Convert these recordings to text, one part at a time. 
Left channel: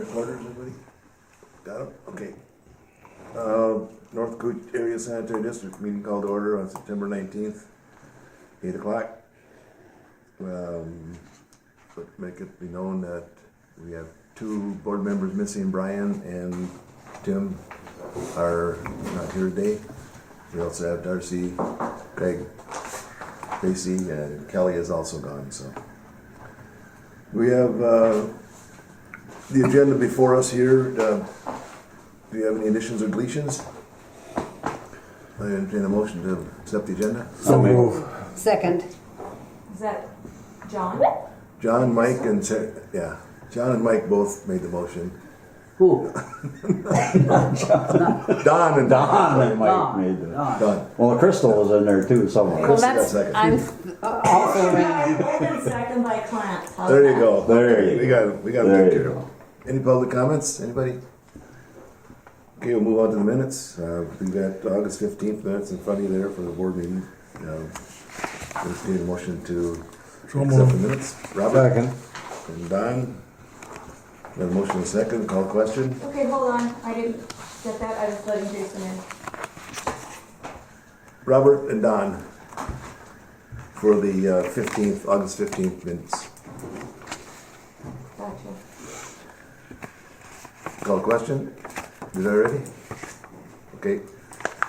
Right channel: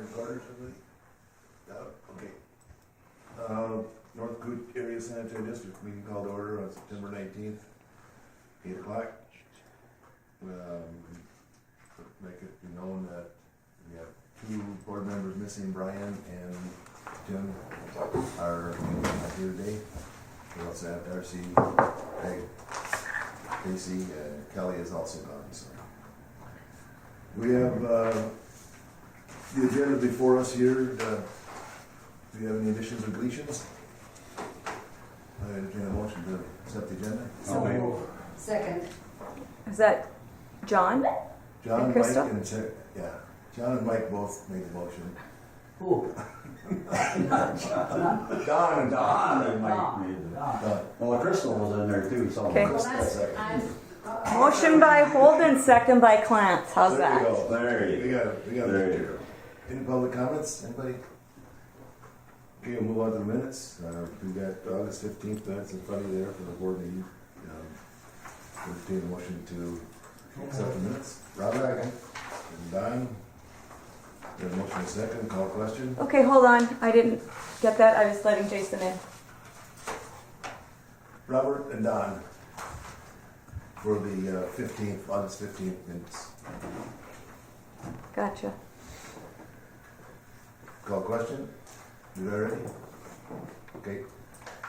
recorders, everybody? Got them? Okay. North Coot Area Sanitary District meeting called to order on September 19th, 8 o'clock. But make it be known that we have two board members missing. Brian and Tim are not here today. We also have Darcy, Peg, Casey, and Kelly is also gone. So we have the agenda before us here. Do you have any additions or deletions? I entertain a motion to accept the agenda. So move. Second. Is that John? John, And Mike, Krista? John and Mike both made the motion. Who? Don and Don and Mike made it. Don. Well, Crystal was in there too somewhere. Okay. Well, Krista got that's, second. Motion by Holden, second by Clamp. How's There that? you go. There you We got it. We got There it. you go. Any public comments? Anybody? Okay, we'll move on to the minutes. We've got August 15th minutes in front of you there for the board meeting. Entertain a motion to accept the minutes. Robert? Second. And Don? Got a motion and a second. Call question. Okay, hold on. I didn't get that. I was letting Jason in. Robert and Don for the August 15th minutes. Gotcha. Call question. Is that ready? Okay.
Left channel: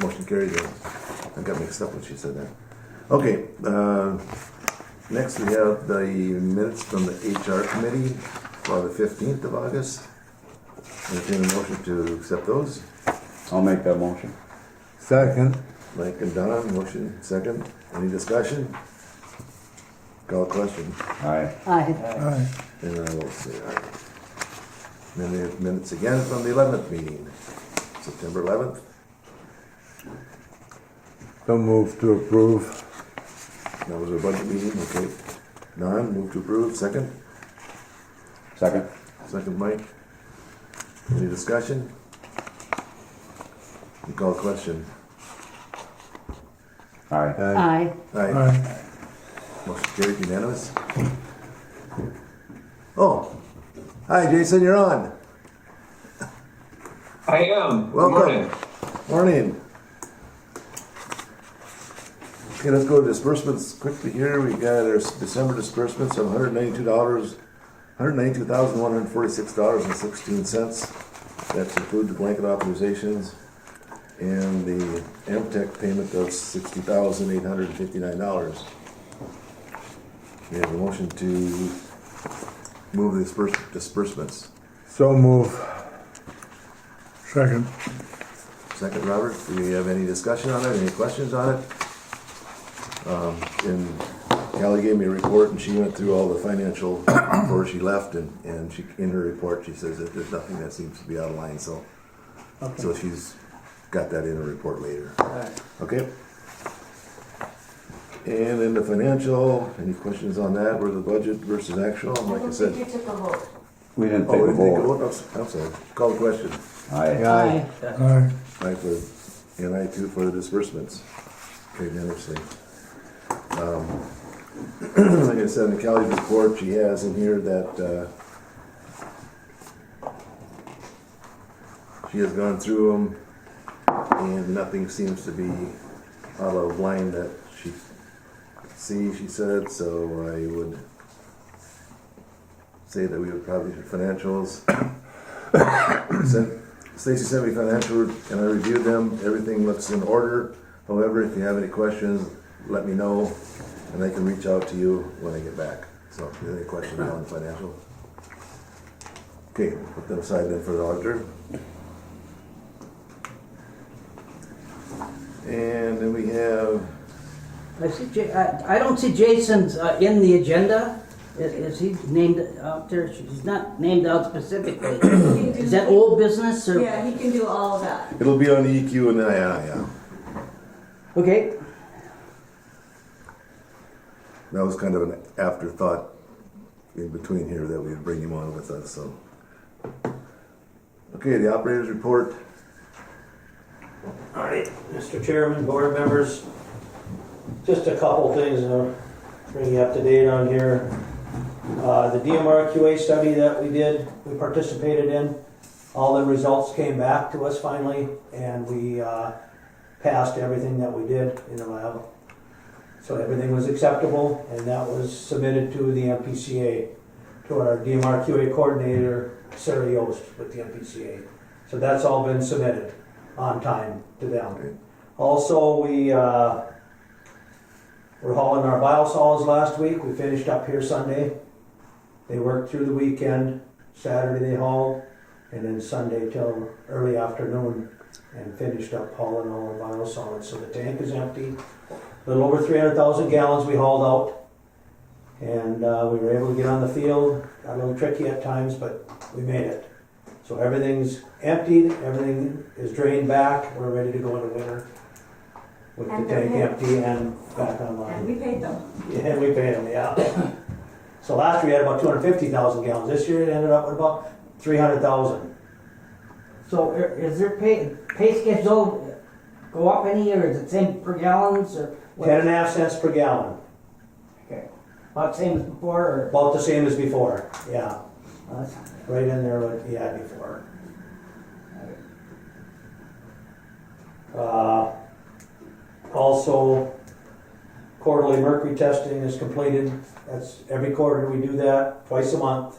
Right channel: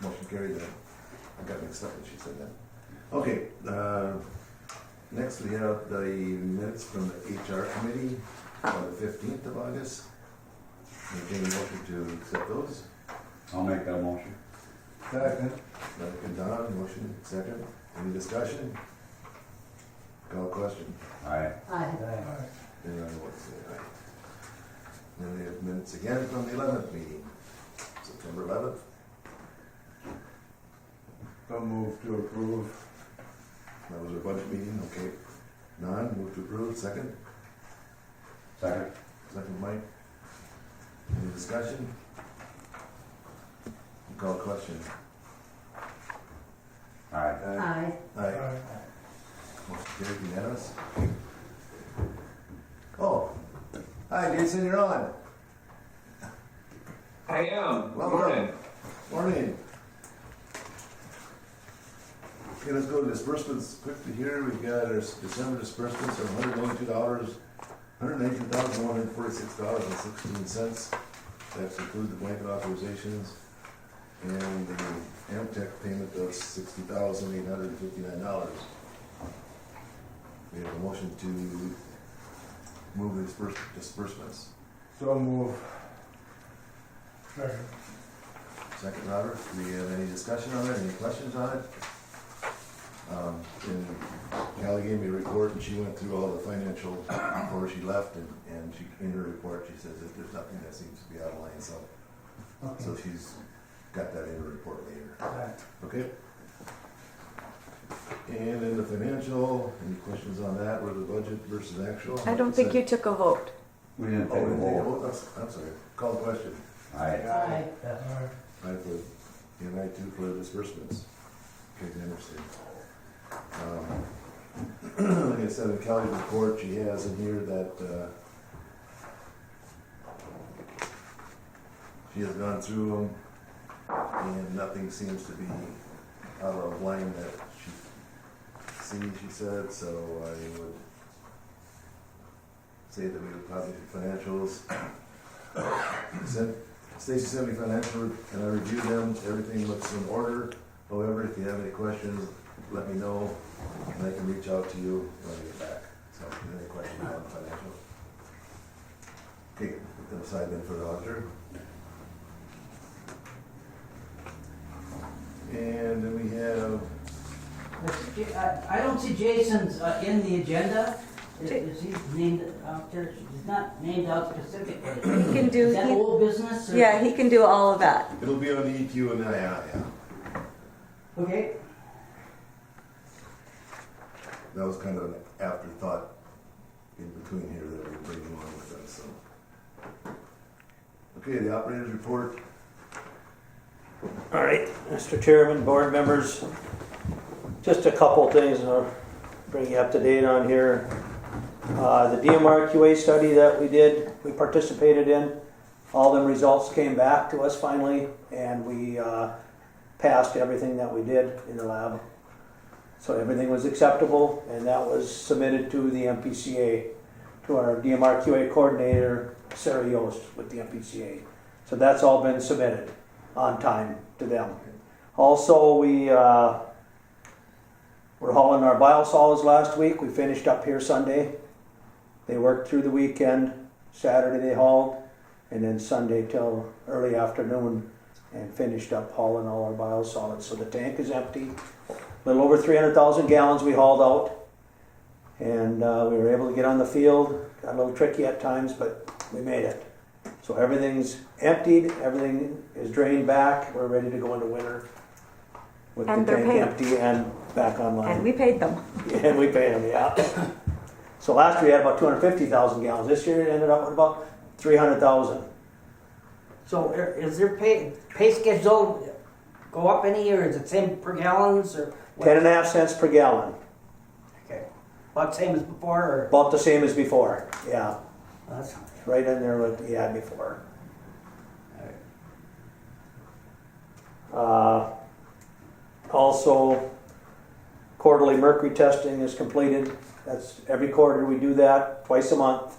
Motion carried then. I got mixed up when she said that. Okay. Next we have the minutes from the HR committee for the 15th of August. Entertain a motion to accept those. I'll make that motion. Second. Mike and Don, motion second. Any discussion? Call question. Aye. Aye. And I will say aye. Then we have minutes again from the 11th meeting, September 11th. Don't move to approve. That was a budget meeting, okay. Don, move to approve, second. Second. Second, Mike. Any discussion? You call question. Aye. Aye. Aye. Aye. Motion carried, unanimous. Oh, hi Jason, you're on. I am. Welcome. Morning. Morning. Okay, let's go to disbursements quickly here. We got our December disbursements of $192,146.16. That's include the blanket authorizations and the Amtech payment of $60,859. We have a motion to move the disbursements. So move. Second. Second, Robert, do we have any discussion on it, any questions on it? And Callie gave me a report and she went through all the financial before she left and she, in her report, she says that there's nothing that seems to be out of line, so. So she's got that in her report later. Okay? And then the financial, any questions on that, or the budget versus actual? I don't think you took a vote. We didn't Oh, take we a didn't take a vote. vote? I'm sorry, call the question. Aye. Aye. Aye. Aye for, and I too for the disbursements. Okay, interesting. Like I said, in the Callie's report, she has in here that she has gone through them and nothing seems to be out of line that she she said, so I would say that we would probably do financials. Stacy sent me financial and I reviewed them. Everything looks in order. However, if you have any questions, let me know and I can reach out to you when I get back. So if you have any questions on the financial. Okay, put them aside then for the auditor. And then we have, I don't see Jason's in the agenda. Is he named out there? He's not named out specifically. He can do, Is that old business? Or? yeah, he can do all of that. it'll be on the EQ and then yeah. Okay. That was kind of an afterthought in between here that we'd bring him on with us, so. Okay, the operator's report. All right, Mr. Chairman, board members, just a couple things I'll bring you up to date on here. The DMRQA study that we participated in, all the results came back to us finally, and we passed everything that we did in the lab. So everything was acceptable, and that was submitted to the MPCA, to our DMRQA coordinator, Sarah Yost with the MPCA. So that's all been submitted on time to them. Also, we're hauling our biosolids last week. We finished up here Sunday. They worked through the weekend. Saturday they hauled, and then Sunday till early afternoon, and finished up hauling all our biosolids. So the tank is empty. A little over 300,000 gallons we hauled out, and we were able to get on the field. Got a little tricky at times, but we made it. So everything's emptied, everything is drained back. We're ready to go into winter with And the they're tank paid. empty and back online. And we paid them. And we paid them, yeah. So last year we had about 250,000 gallons. This year it ended up with about 300,000. So is their pay schedule go up any, or is it same per gallons, or? what? 10.5 cents per gallon. Okay. About same as before, or? About the same as before, yeah. Well, that's- Right in there what he had before. Also, quarterly mercury testing is completed. That's every quarter we do that, twice a month.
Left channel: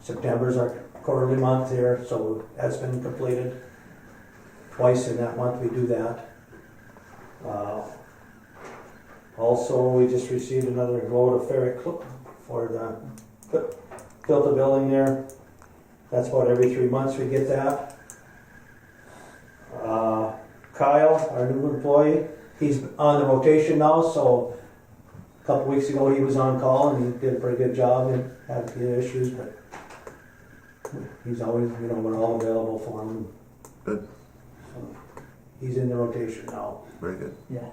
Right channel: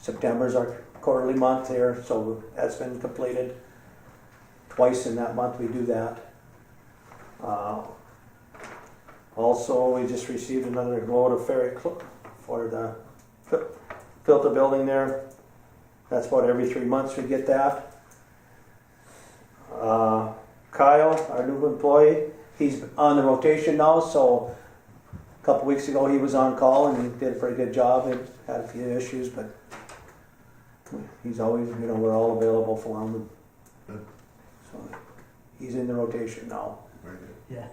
September's our quarterly month here, so that's been completed. Twice in that month we do that. Also, we just received another load of ferric for the filter building there. That's about every 3 months we get that. Kyle, our new employee, he's on the rotation now, so a couple weeks ago he was on call and he did a pretty good job. He had a few issues, but he's always, we're all available for him. Good. So he's in the rotation now. Very good. Yeah.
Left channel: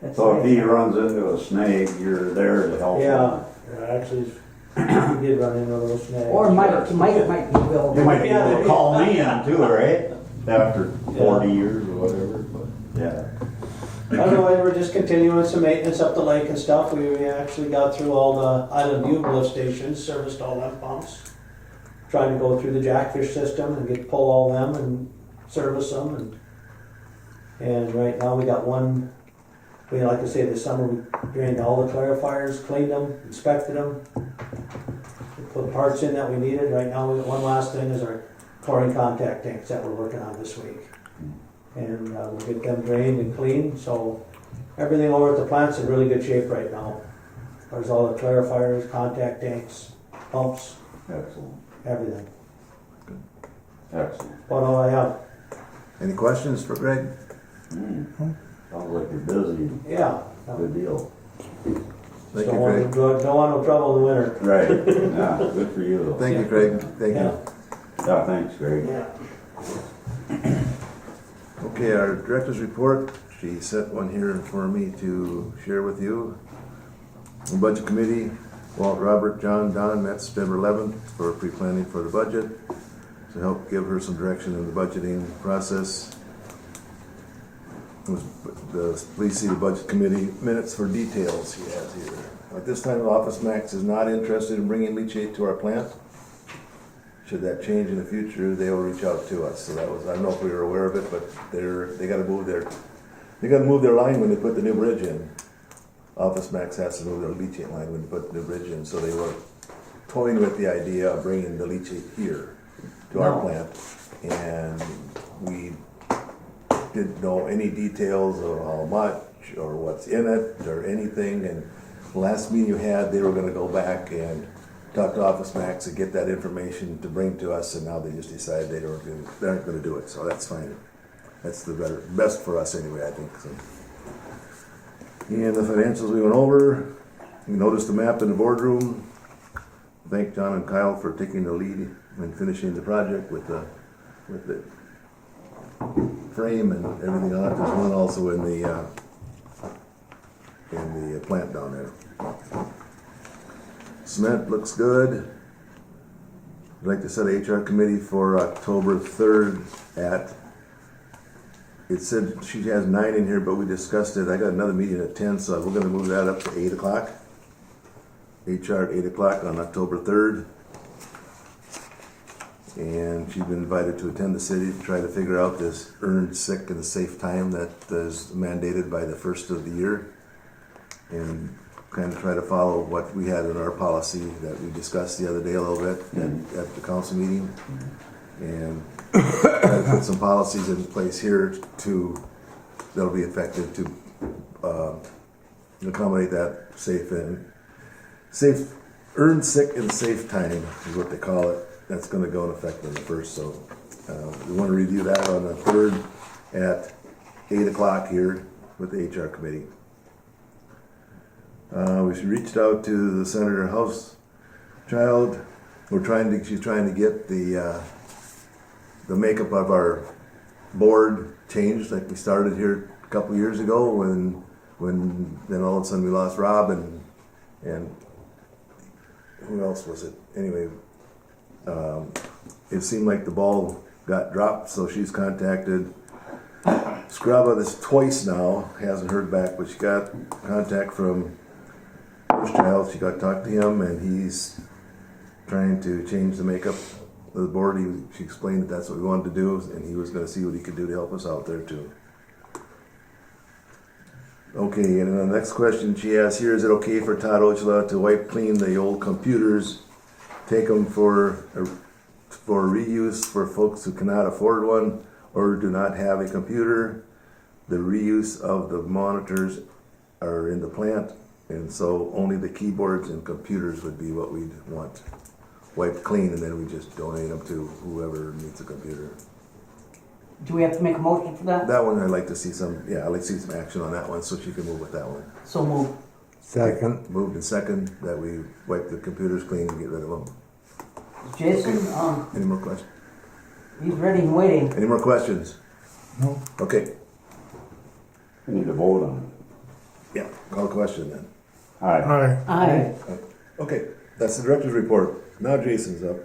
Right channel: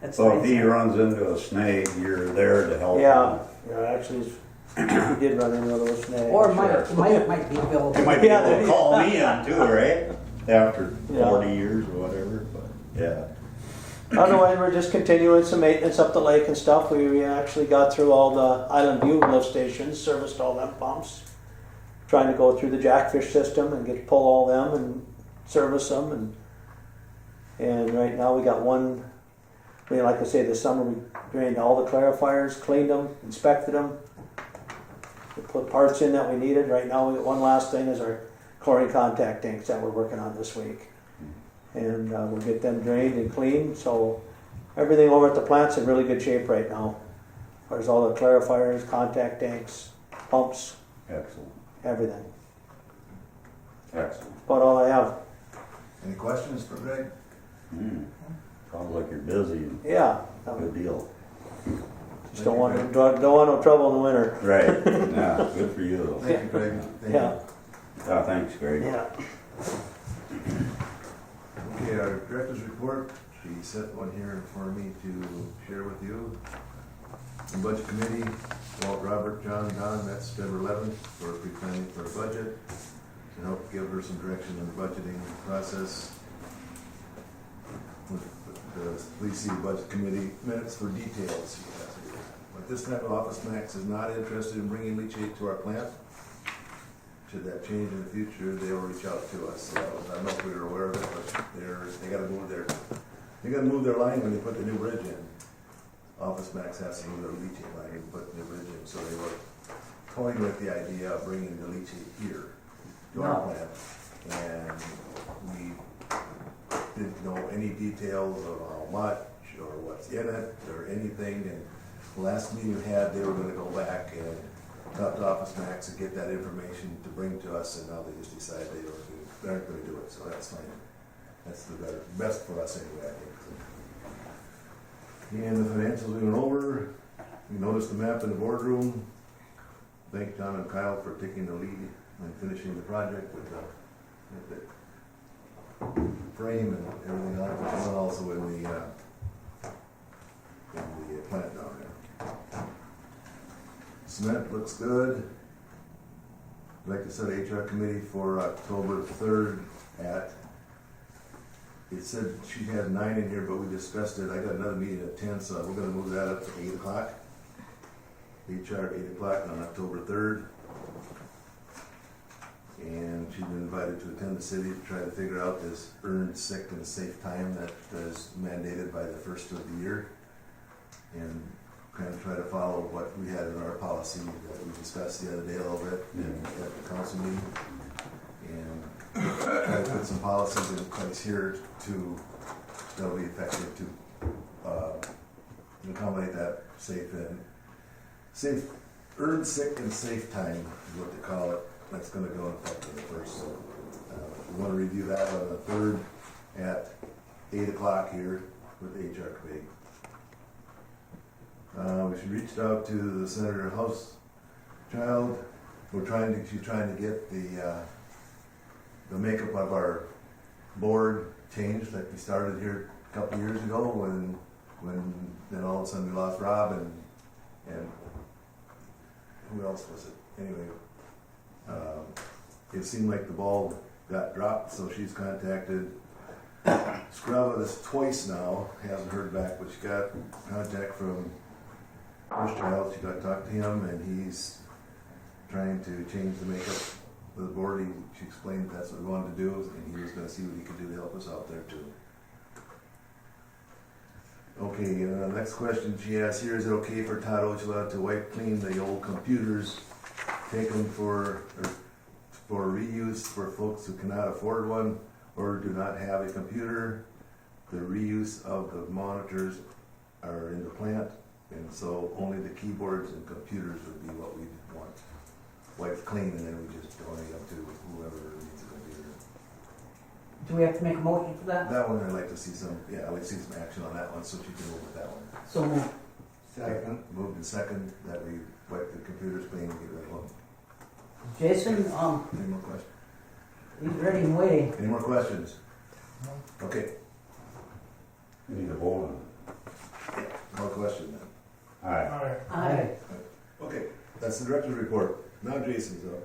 That's So if nice. he runs into a snag, you're there to help him. Yeah, actually, he did run into those snags. Or Mike might be available. You might be Yeah, able to yeah. call me in too, right? After Yeah. 40 years or whatever, but yeah. Otherwise, we're just continuing some maintenance up the lake and stuff. We actually got through all the Island View lift stations, serviced all them pumps. Trying to go through the jackfish system and pull all them and service them. And right now we got one, like I say, this summer we drained all the clarifiers, cleaned them, inspected them. We put parts in that we needed. Right now, one last thing is our chlorine contact tanks that we're working on this week. And we'll get them drained and cleaned, so everything over at the plant's in really good shape right now. There's all the clarifiers, contact tanks, pumps, Excellent. everything. Excellent. About all I have. Any questions for Greg? Sounds like you're busy. Yeah. Good deal. Just Thank don't you, want, Greg. don't want no trouble in the winter. Right. Yeah, good for you though. Thank you, Craig. Thank Yeah. you. Yeah, thanks, Greg. Yeah. Okay, our director's report, she sent one here for me to share with you. The budget committee, Walt, Robert, John, Don met September 11th for pre-planning for the budget to help give her some direction in the budgeting process. Please see the budget committee minutes for details she has here. At this time, Office Max is not interested in bringing leachate to our plant. Should that change in the future, they will reach out to us. So that was, I don't know if we were aware of it, but they gotta move their line when they put the new bridge in. Office Max has to move their leachate line when they put the new bridge in, so they were toying with the idea of bringing the leachate here to our plant. And we didn't know any details of how much or what's in it or anything. And the last meeting you had, they were gonna go back and talk to Office Max and get that information to bring to us, and now they just decided they aren't gonna do it, so that's fine. That's the best for us anyway, I think, so. And the financials we went over, you noticed the map in the boardroom. Thank John and Kyle for taking the lead and finishing the project with the frame and everything on it. There's one also in the plant down there. Cement looks good. I'd like to set a HR committee for October 3rd it said she has 9 in here, but we discussed it. I got another meeting at 10, so we're gonna move that up to 8 o'clock. HR at 8 o'clock on October 3rd. And she's been invited to attend the city to try to figure out this earned sick and safe time that is mandated by the first of the year. And kind of try to follow what we had in our policy that we discussed the other day a little bit at the council meeting. And try to put some policies in place here that'll be effective to accommodate that safe earned sick and safe time is what they call it. That's going to go in effect on the first. So we want to review that on the 3rd at 8 o'clock here with the HR committee. We reached out to the Senator House child. She's trying to get the makeup of our board changed, like we started here a couple years ago when then all of a sudden we lost Rob and who else was it? Anyway, it seemed like the ball got dropped, so she's contacted Scrubba this twice now, hasn't heard back, but she got contact from first child. She got to talk to him, and he's trying to change the makeup of the board. She explained that that's what we wanted to do, and he was going to see what he could do to help us out there too. Okay, and the next question she has here, is it okay for Todd Ochila to wipe clean the old computers, take them for reuse for folks who cannot afford one or do not have a computer? The reuse of the monitors are in the plant, and so only the keyboards and computers would be what we'd want wiped clean, and then we just donate them to whoever needs a computer. Do we have to make a motion for that? That one I'd like to see I'd like to see some action on that one so she can move with that one. So move. Second. Moved and second that we wipe the computers clean and get rid of them. Jason, Any more questions? he's ready and waiting. Any more questions? No. Okay, We need to vote on it. yeah, call the question then. Aye. Aye. Aye. Okay, that's the director's report. Now Jason's up.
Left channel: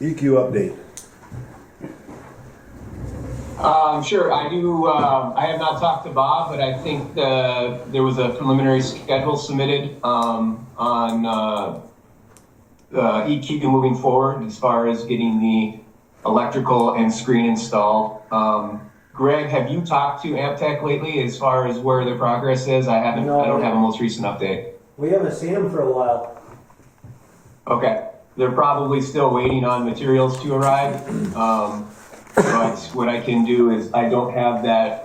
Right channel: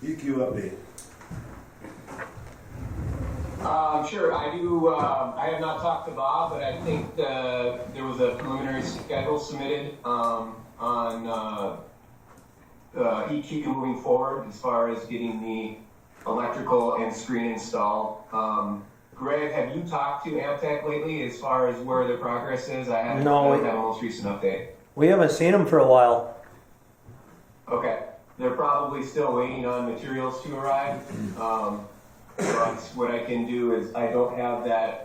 EQ update. Sure, I do. I have not talked to Bob, but I think there was a preliminary schedule submitted on EQ moving forward as far as getting the electrical and screen installed. Greg, have you talked to Amtech lately as far as where the progress is? I haven't. No, I don't have a most recent update. We haven't seen them for a while. Okay, they're probably still waiting on materials to arrive. But what I can do is, I don't have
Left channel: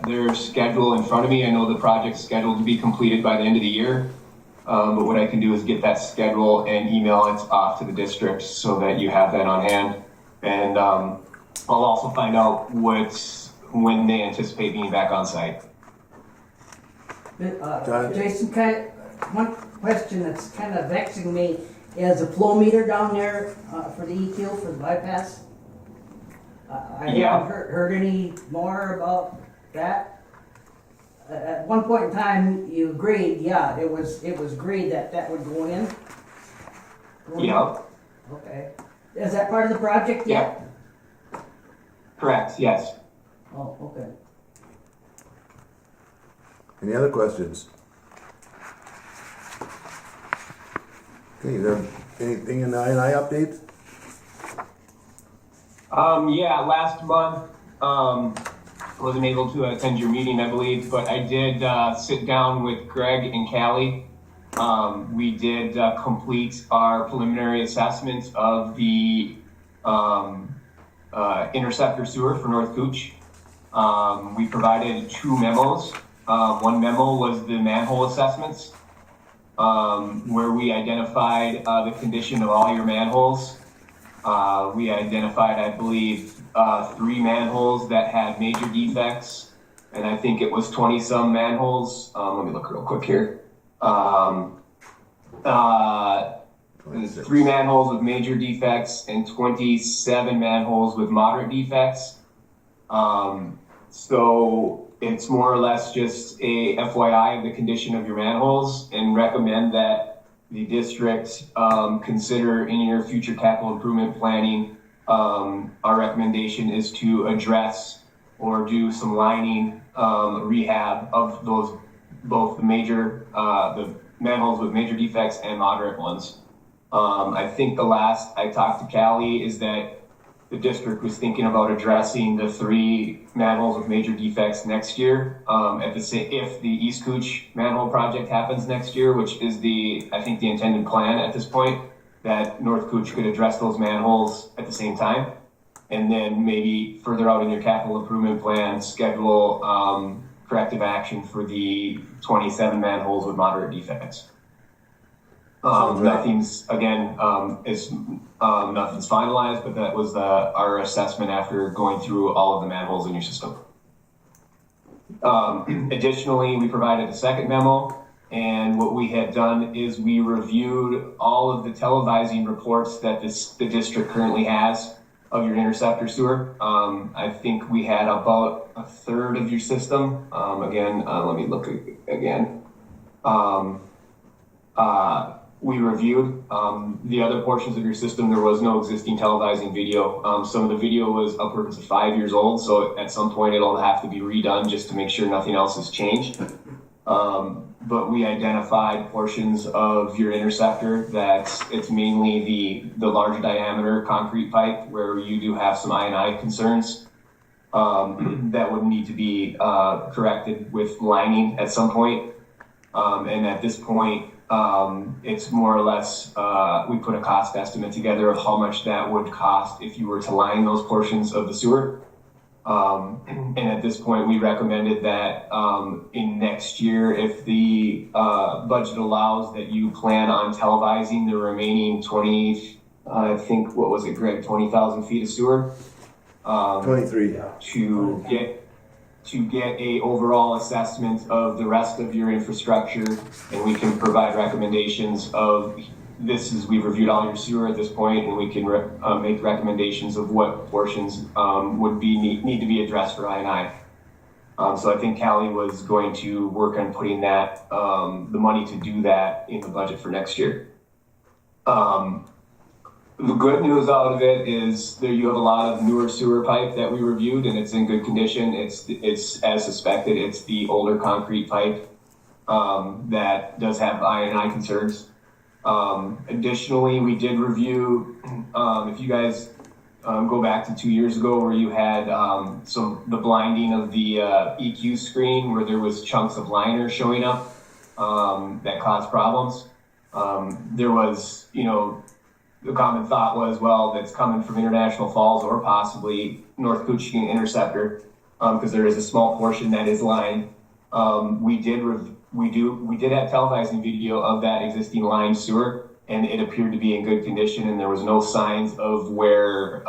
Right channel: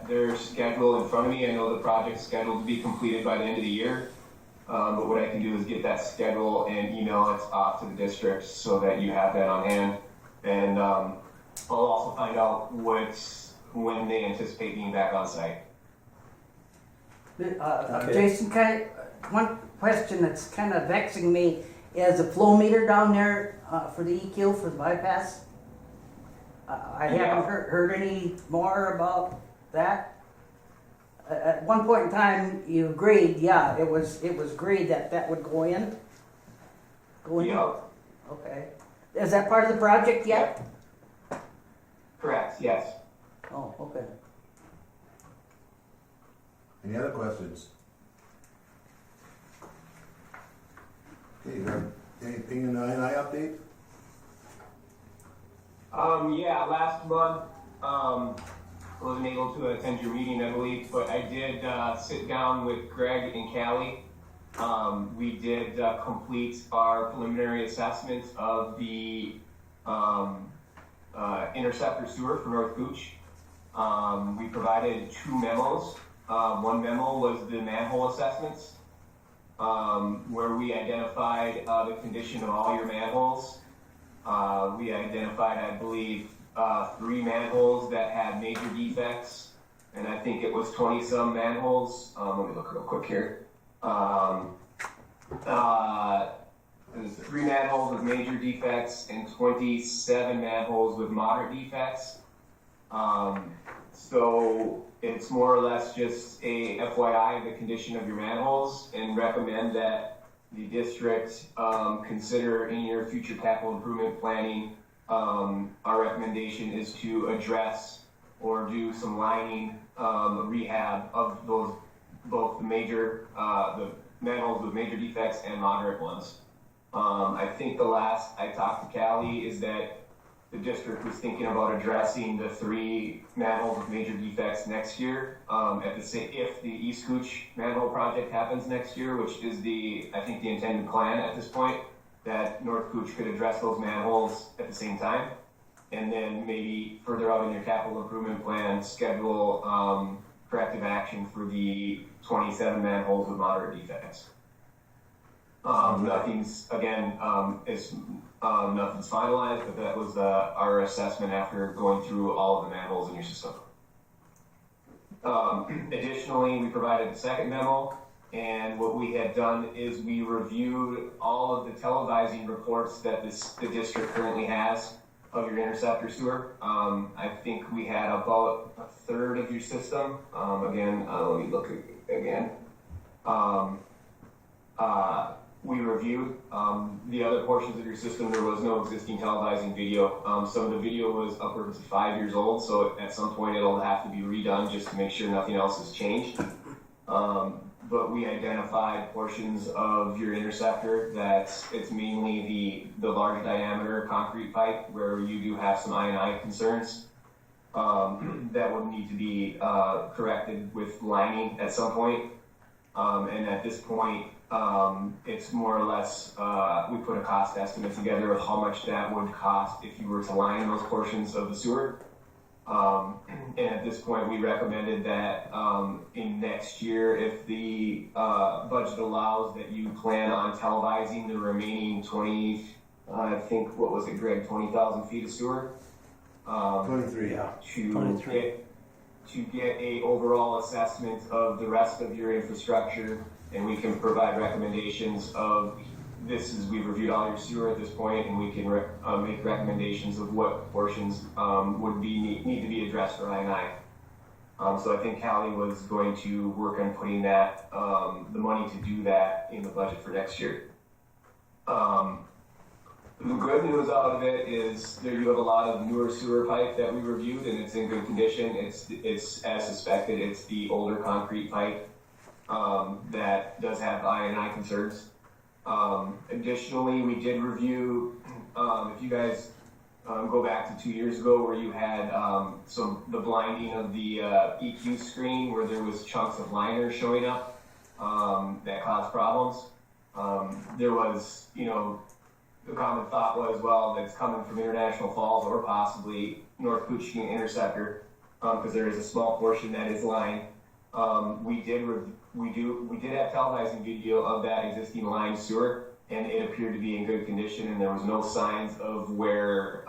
their schedule in front of me. I know the project's scheduled to be completed by the end of the year. But what I can do is get that schedule and email it off to the district so that you have that on hand. And I'll also find out when they anticipate being back on site. Jason, one question that's kind of vexing me is the flow meter down there for the EQ for the bypass. I Yeah. haven't heard any more about that. At one point in time, you agreed, yeah, it was agreed that would go in. Yeah. Okay. Is that part of the project yet? Correct, yes. Oh, okay. Any other questions? Okay, is there anything in the I&I update? Yeah, last month, wasn't able to attend your meeting, I believe, but I did sit down with Greg and Callie. We did complete our preliminary assessment of the interceptor sewer for North Cooch. We provided 2 memos. One memo was the manhole assessments, where we identified the condition of all your manholes. We identified, I believe, 3 manholes that had major defects, and I think it was 20-some manholes. Let me look real quick here. 3 manholes with major defects and 27 manholes with moderate defects. So it's more or less just a FYI of the condition of your manholes, and recommend that the district consider in your future capital improvement planning. Our recommendation is to address or do some lining rehab of those, both the major, the manholes with major defects and moderate ones. I think the last I talked to Callie is that the district was thinking about addressing the 3 manholes with major defects next year. If the East Cooch manhole project happens next year, which is I think the intended plan at this point, that North Cooch could address those manholes at the same time. And then maybe further out in your capital improvement plan, schedule corrective action for the 27 manholes with moderate defects. Nothing's nothing's finalized, but that was our assessment after going through all of the manholes in your system. Additionally, we provided a second memo, and what we had done is we reviewed all of the televising reports that the district currently has of your interceptor sewer. I think we had about a third of your system. Let me look again. We reviewed the other portions of your system. There was no existing televising video. Some of the video was upwards of 5 years old, so at some point it'll have to be redone just to make sure nothing else has changed. But we identified portions of your interceptor that it's mainly the large diameter concrete pipe where you do have some I&I concerns that would need to be corrected with lining at some point. And at this point, it's more or less, we put a cost estimate together of how much that would cost if you were to line those portions of the sewer. And at this point, we recommended that in next year, if the budget allows, that you plan on televising the remaining 20, I think, what was it, Greg, 20,000 feet of sewer? 23. To get a overall assessment of the rest of your infrastructure, and we can provide recommendations of we've reviewed all your sewer at this point, and we can make recommendations of what portions would need to be addressed for I&I. So I think Callie was going to work on putting that, the money to do that in the budget for next year. The good news out of it is you have a lot of newer sewer pipe that we reviewed, and it's in good condition. It's as suspected. It's the older concrete pipe that does have I&I concerns. Additionally, we did review, if you guys go back to 2 years ago where you had the blinding of the EQ screen where there was chunks of liner showing up that caused problems. There was, the common thought was, well, that's coming from International Falls or possibly North Cooching Interceptor, because there is a small portion that is lined. We did have televising video of that existing lined sewer, and it appeared to be in good condition, and there was no signs of where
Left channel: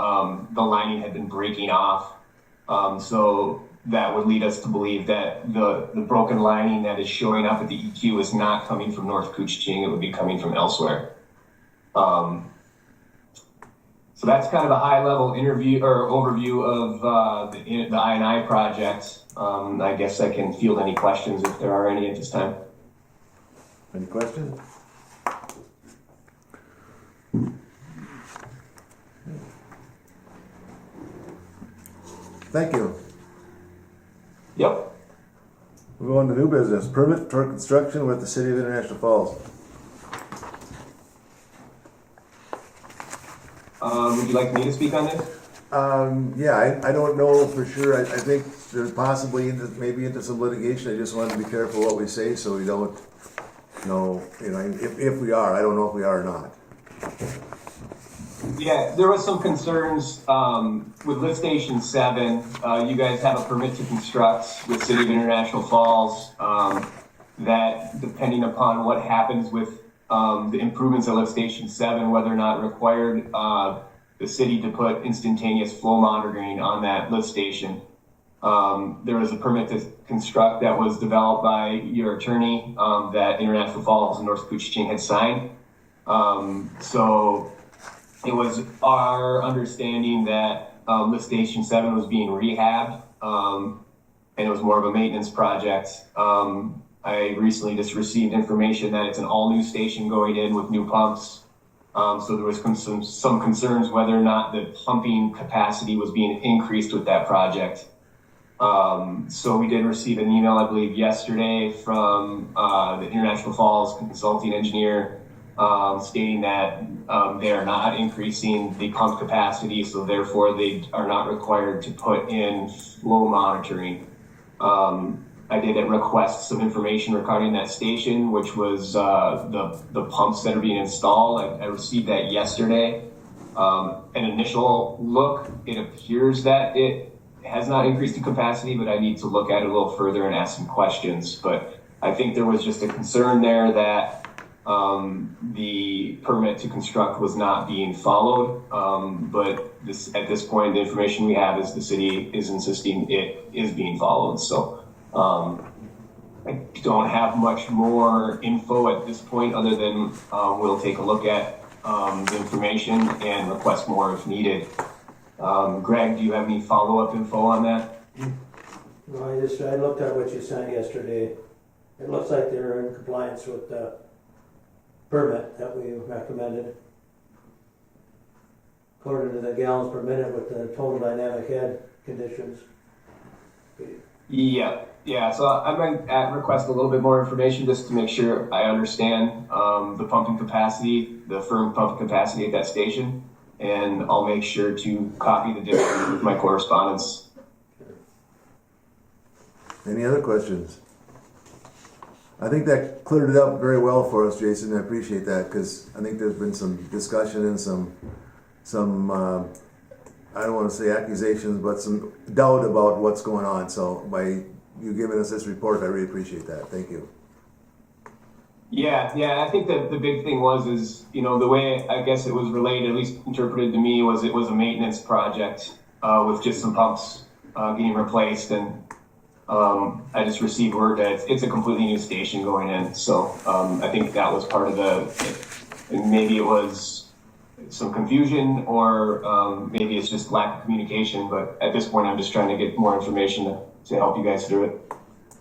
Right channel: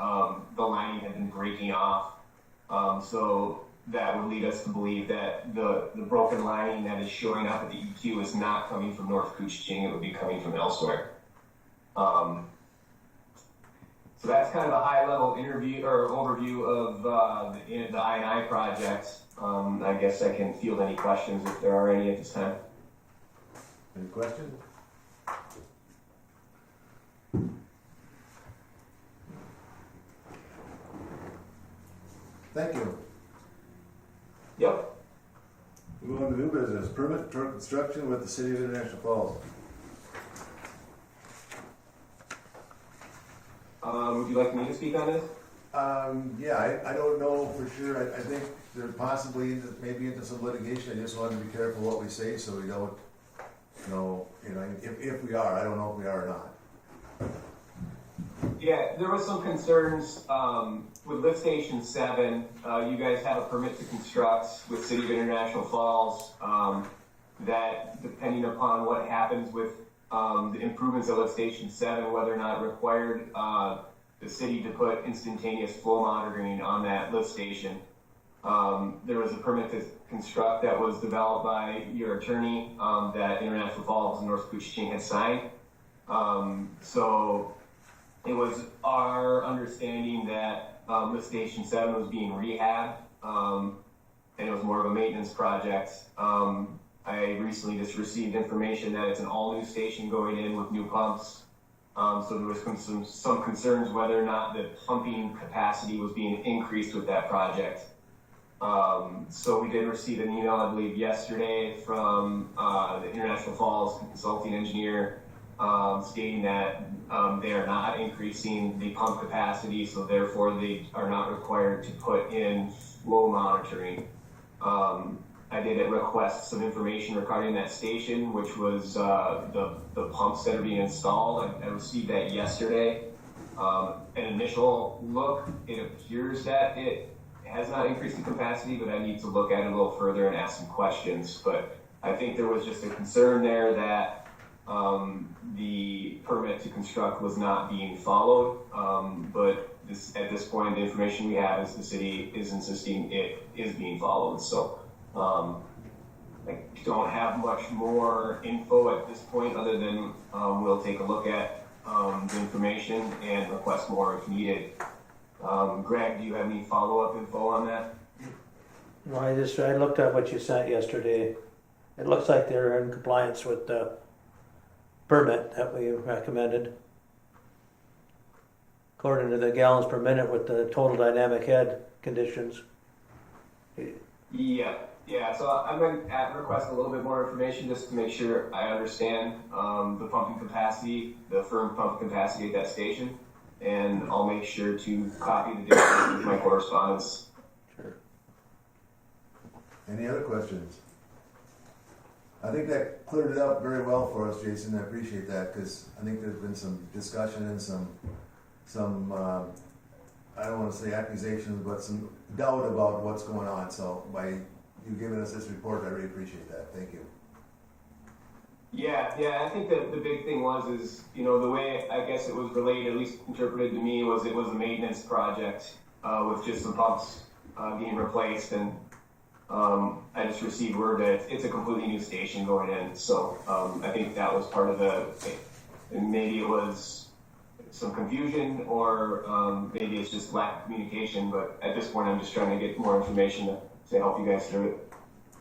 the lining had been breaking off. So that would lead us to believe that the broken lining that is showing up at the EQ is not coming from North Cooching, it would be coming from elsewhere. So that's kind of a high-level overview of the I&I project. I guess I can field any questions if there are any at this time. Any questions? Thank you. Yep. We're going to new business. Permit for construction with the City of International Falls. Would you like me to speak on this? Yeah, I don't know for sure. I think there's possibly maybe into some litigation. I just want to be careful what we say so we don't know, if we are. I don't know if we are or not. Yeah, there was some concerns with lift station 7. You guys have a permit to construct with City of International Falls that, depending upon what happens with the improvements at lift station 7, whether or not it required the city to put instantaneous flow monitoring on that lift station. There was a permit to construct that was developed by your attorney that International Falls and North Cooching had signed. So it was our understanding that lift station 7 was being rehabbed, and it was more of a maintenance project. I recently just received information that it's an all-new station going in with new pumps. So there was some concerns whether or not the pumping capacity was being increased with that project. So we did receive an email, I believe, yesterday from the International Falls consulting engineer stating that they are not increasing the pump capacity, so therefore they are not required to put in flow monitoring. I did request some information regarding that station, which was the pumps that are being installed. I received that yesterday. An initial look, it appears that it has not increased in capacity, but I need to look at it a little further and ask some questions. But I think there was just a concern there that the permit to construct was not being followed. But at this point, the information we have is the city is insisting it is being followed. So I don't have much more info at this point other than we'll take a look at the information and request more if needed. Greg, do you have any follow-up info on that? No, I looked at what you sent yesterday. It looks like they're in compliance with the permit that we recommended. According to the gallons per minute with the total dynamic head conditions. Yeah. So I'm going to request a little bit more information just to make sure I understand the pumping capacity, the firm pumping capacity at that station, and I'll make sure to copy the district with my correspondence. Any other questions? I think that cleared it up very well for us, Jason. I appreciate that because I think there's been some discussion and some I don't want to say accusations, but some doubt about what's going on. So by you giving us this report, I really appreciate that. Thank you. Yeah. I think that the big thing is, the way I guess it was relayed, at least interpreted to me, was it was a maintenance project with just some pumps being replaced, and I just received word that it's a completely new station going in. So I think that was part of maybe it was some confusion, or maybe it's just lack of communication. But at this point, I'm just trying to get more information to help you guys through it.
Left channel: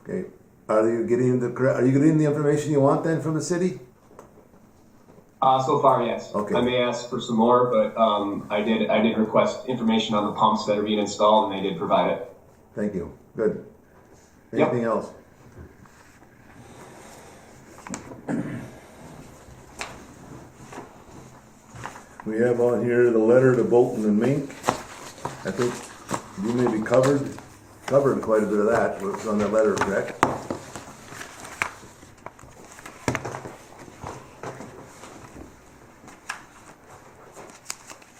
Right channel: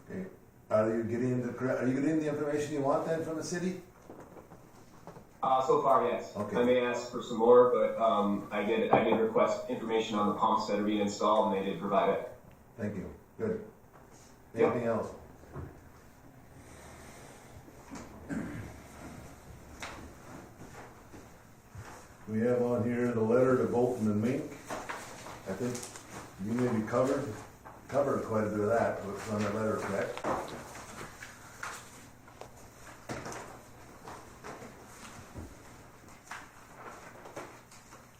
Okay. Are you getting the information you want then from the city? So far, yes. Okay. I may ask for some more, but I did request information on the pumps that are being installed, and they did provide it. Thank you. Good. Yep. Anything else? We have on here the letter to Bolton and Mink. I think you may be covered quite a bit of that. What's on that letter, correct?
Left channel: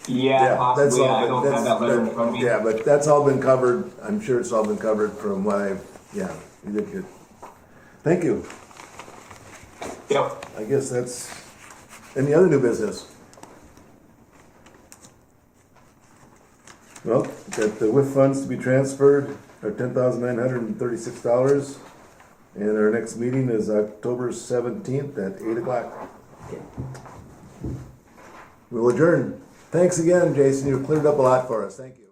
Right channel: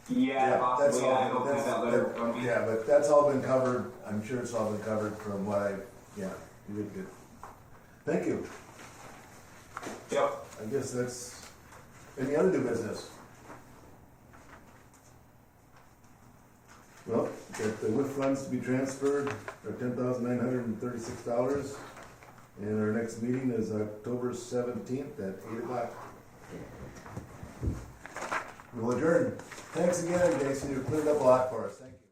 Yeah, possibly. I don't have that letter in front of me. Yeah, but that's all been covered. I'm sure it's all been covered from what you did good. Thank you. Yep. I guess that's any other new business. Well, got the WIF funds to be transferred are $10,936, and our next meeting is October 17th at 8 o'clock. We will adjourn. Thanks again, Jason. You've cleared up a lot for us. Thank you.